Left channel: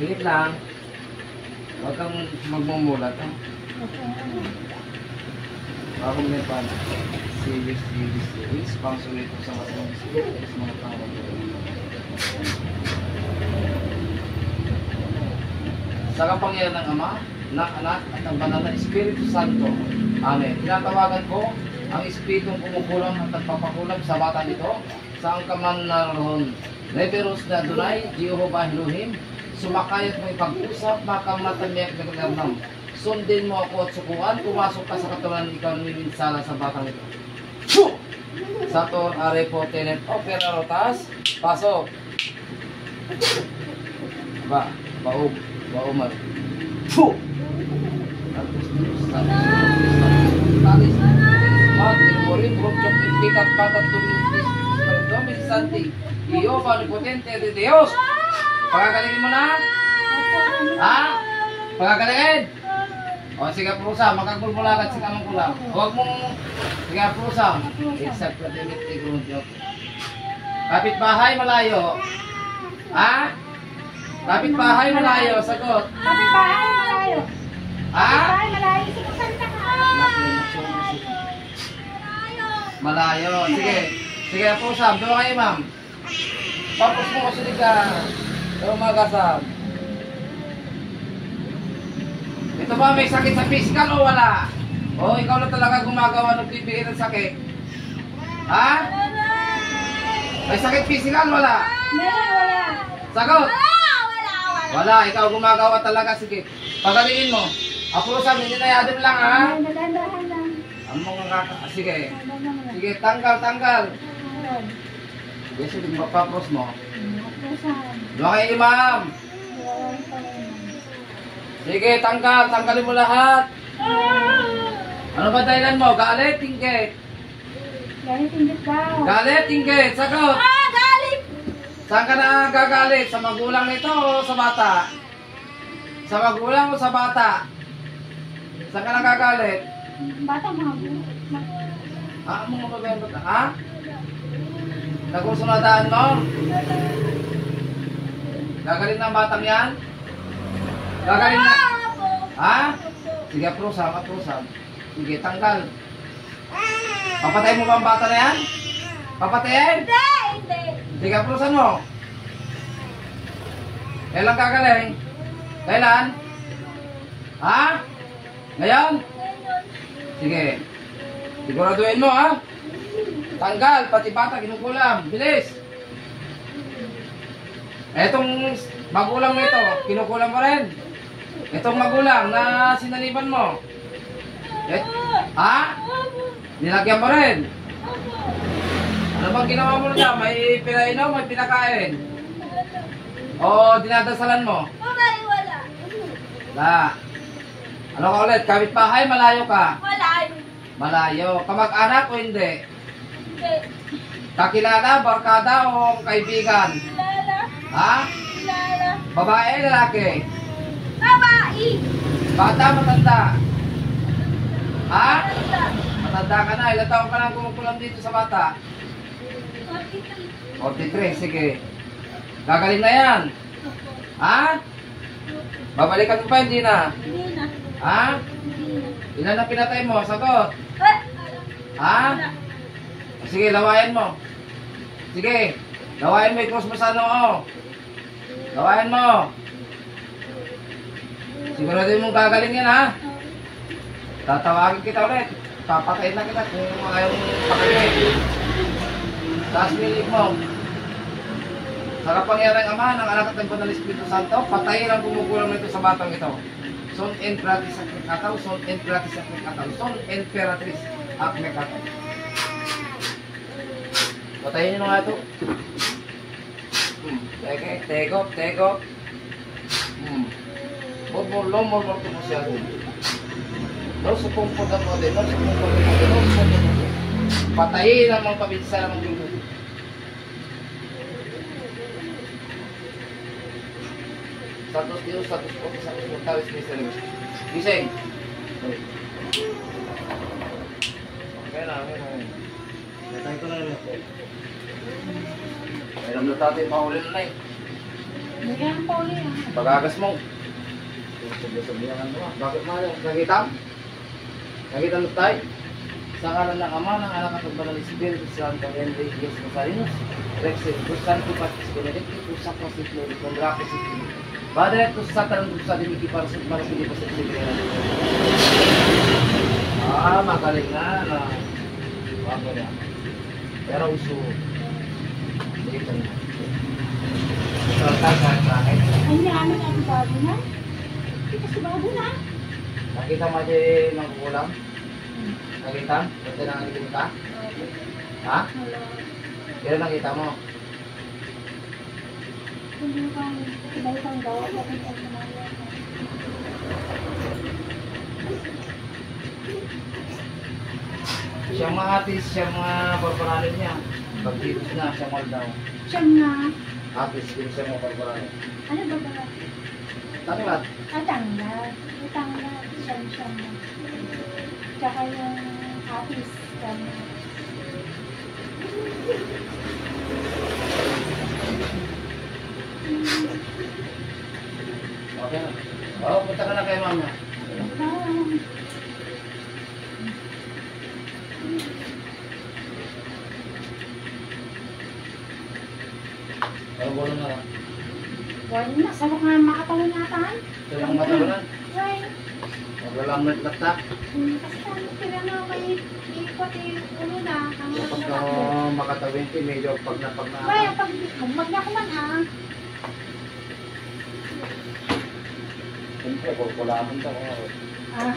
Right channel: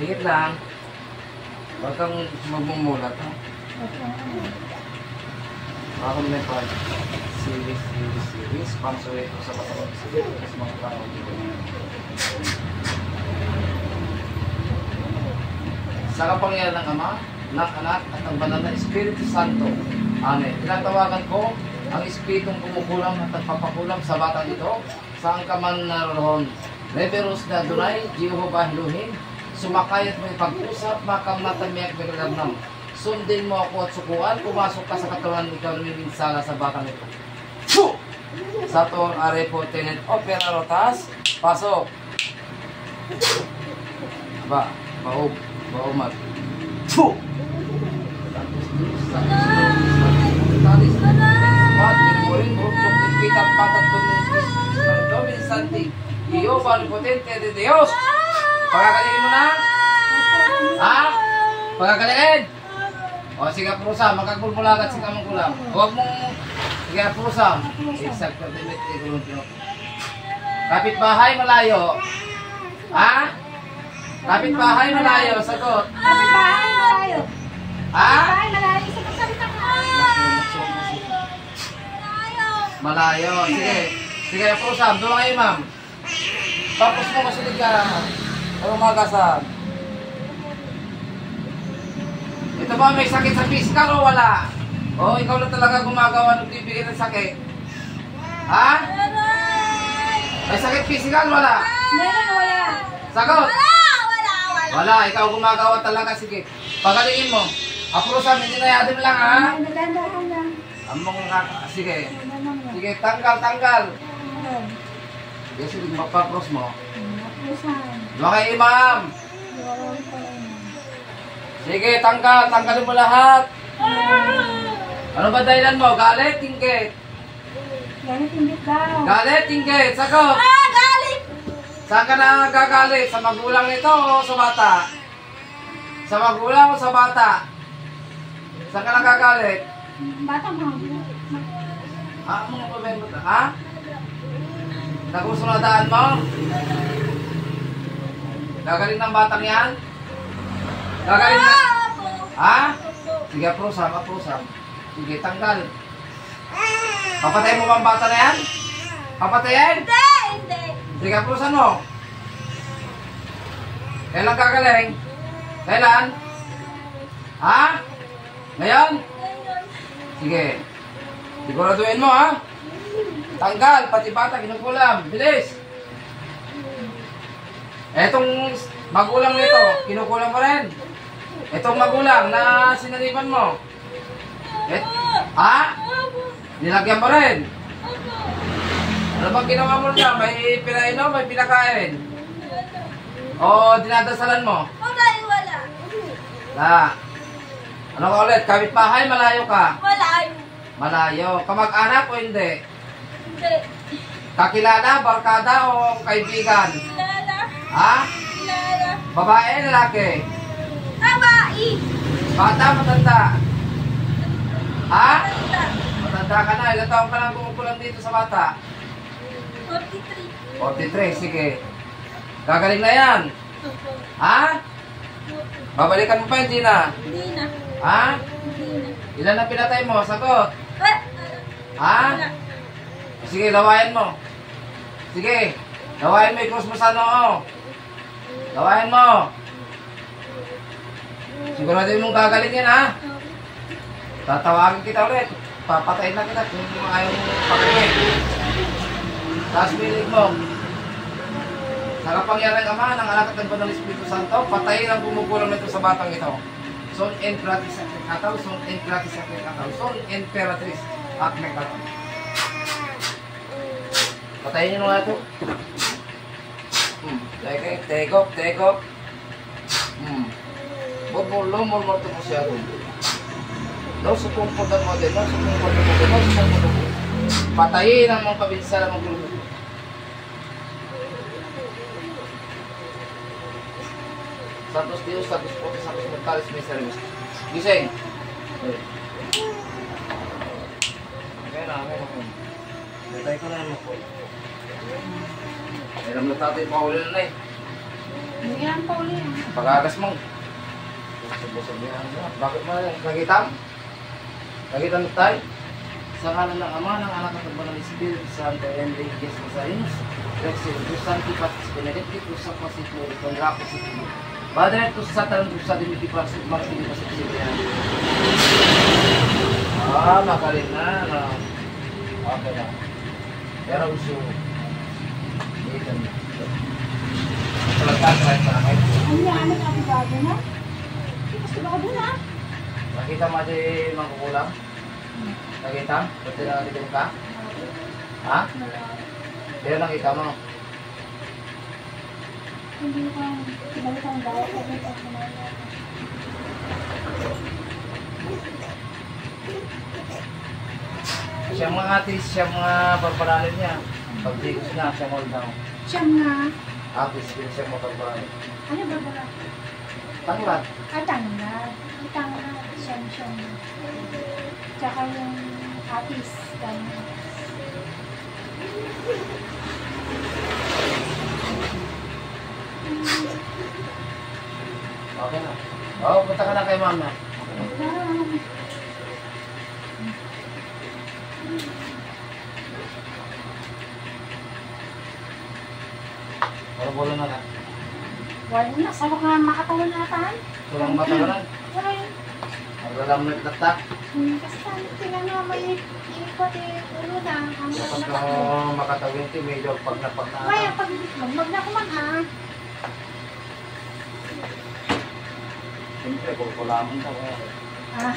Higit lang. Huwag kang magmumulat, ha? Baka mo na pa. Series. Pangsulit ko sa matawag. Series, mga tao. Sa kapangyarihan ng Ama, ng Anak, at ng Banal na Espiritu Santo. Amen. Tinatawagan ko ang Espiritong kumukulam at nagpapakulam sa batang ito, saan ka man naroon. Neveros na Adonai, Jehovah Elohim, sumakay at may pag-usap, makang matamiyak na galamnam. Sundin mo ako at sukuan, pumasok ka sa katawan, ikaw namiminsala sa batang ito. Phew! Sator, Arepo, Tenet, Opera, Rotas, pasok. Baog, baumat. Phew! Talis, mat, ilmorin, rupchok, impitat, patat, Dominis Santi, Jehovah Omnipotente de Dios. Pagkakalingin mo na? Ha? Pagkakalingin? O sige, prusa, magkagulmulagat si kamang kulang. Huwag mong, sige, prusa. Exact, kapitbahay malayo. Ha? Kapitbahay malayo, sagot. Kapitbahay malayo. Ha? Kapitbahay malayo, sagot salita ka. Malayo, sige. Sige, prusa, doon kayo ma'am. Tapos mo kasi ka. Pero magasan. Ito ba may sakit sa physical o wala? O ikaw na talaga gumagawa ng bibigay ng sakit? Ha? May sakit physical wala? Meron o wala? Sagot! Wala. Wala, ikaw gumagawa talaga. Sige, pagalingin mo. Apurusam, hindi na yadim lang ha? Nadandahan lang. Ang mga kaka... Sige. Sige, tanggal. Sige, sige, magpapros mo. Doon kayo imam. Sige, tanggalin mo lahat. Ano ba dahilan mo? Galit, tingkit. Galit, tingkit daw. Galit, tingkit. Sagot. Galit! Saan ka na gagalit? Sa magulang nito o sa bata? Sa magulang o sa bata? Saan ka na gagalit? Bata mo. Ha? Mga babayan bata? Ha? Nagusunadaan mo? Gagalit ng batang yan? Gagalit na? Ha? Sige, aprusam. Sige, tanggal. Papatayin mo ba ang bata na yan? Papatayin? Hindi. Sige, aprusan mo. Kailan gagaling? Kailan? Ha? Ngayon? Sige. Siguraduhin mo, ha? Tanggal, pati bata, kinukulam. Bilis! Etong magulang nito, kinukulam pa rin. Etong magulang na sinaliban mo. Ha? Nilagyan pa rin. Ano bang ginawa mo niya? May pinainom, may pinakain? O dinadasalan mo? Wala. La. Ano ka ulit? Kapitbahay, malayo ka? Malayo. Kamag-anak o hindi? Hindi. Kakilala, barkada o kaibigan? Kilala. Ha? Kilala. Babae, lalaki? Babae. Bata, matanda? Ha? Matanda. Matanda ka na. Ilang taon ka lang kumukulam dito sa bata? 43. 43, sige. Gagaling na yan. Ha? Babalikan mo pa, hindi na? Hindi na. Ha? Hindi na. Ilan ang pinatay mo? Sagot. Ha? Wala. Sige, lawayan mo. Sige. Lawayan mo, i-cross mo sa noo. Lawayan mo. Sigurado mong gagaling yan, ha? Tatawagin kita ulit. Papatayin na kita kung ayaw mong pakainin. Taas pilig mo. Sa kapangyarihan ng Ama, ng Anak at ng Banal na Espiritu Santo, patayin ang kumukulang nito sa batang ito. Son Empress at Mekataw, Son Empress at Mekataw, Son Emperatris at Mekataw. Patayin nyo nga ito. Tegok. Bumulong mo ito mo siya doon. No, sa pumpudan mo din. Patayin ang mga pabinsalan ng gulo. Santos Dios, Santos Potes, Santos Mortales, Misereres. Gising. Okay na. Natay ko na yun po. Mayroon na tatay, mahuli na eh. Bigyan pa uli ah. Pagagas mo. Busog niya ano. Bakit mo kagitam? Kagitam mo tayo? Sa ngalan ng Ama, ng Anak at ng Banal na Espiritu Santo, and the Yes Masarinus, Rexel, Tus Santi Patis Benedicti, Tus Sapasit Lori, Condrapis, Padre, Tus Satan, Tus Sadimiti Parasut, Marapini Pasut Sibiran. Magaling na, no? Okay na. Pero uso. Dito na. Pero tatay sa akin. Ano yan? Ano bago na? Kasi bago na. Nakita mo di magkukulang? Nakita? Ito na nakita ka? Ha? Wala. Pero nakita mo? Hindi ka. Ibalik ang gaya. Kapit ang kumaya. Siyang mga atis, siyang mga pagpanalan niya. Pag dito na, siyang all down. Siyam na. Atis, yun siyang mga pagpanalan. Ano ba ba? Tanglad. Tangla. Tangla. Siyam. Tsaka yung apis. Tangla. Okay na. Oo, punta ka na kay mama. Parang Pero bola na lang. wala na. Sabak na makatawan natin. Tulang matawalan. Why? Naglalamit latak. Kasi ano, tingnan nyo, may ikot ulo na. Ano na Kapag natakbo. makatawin ito, medyo pag na. Why, pag magmag na kuman ha. Siyempre, kukulaman daw. Ah.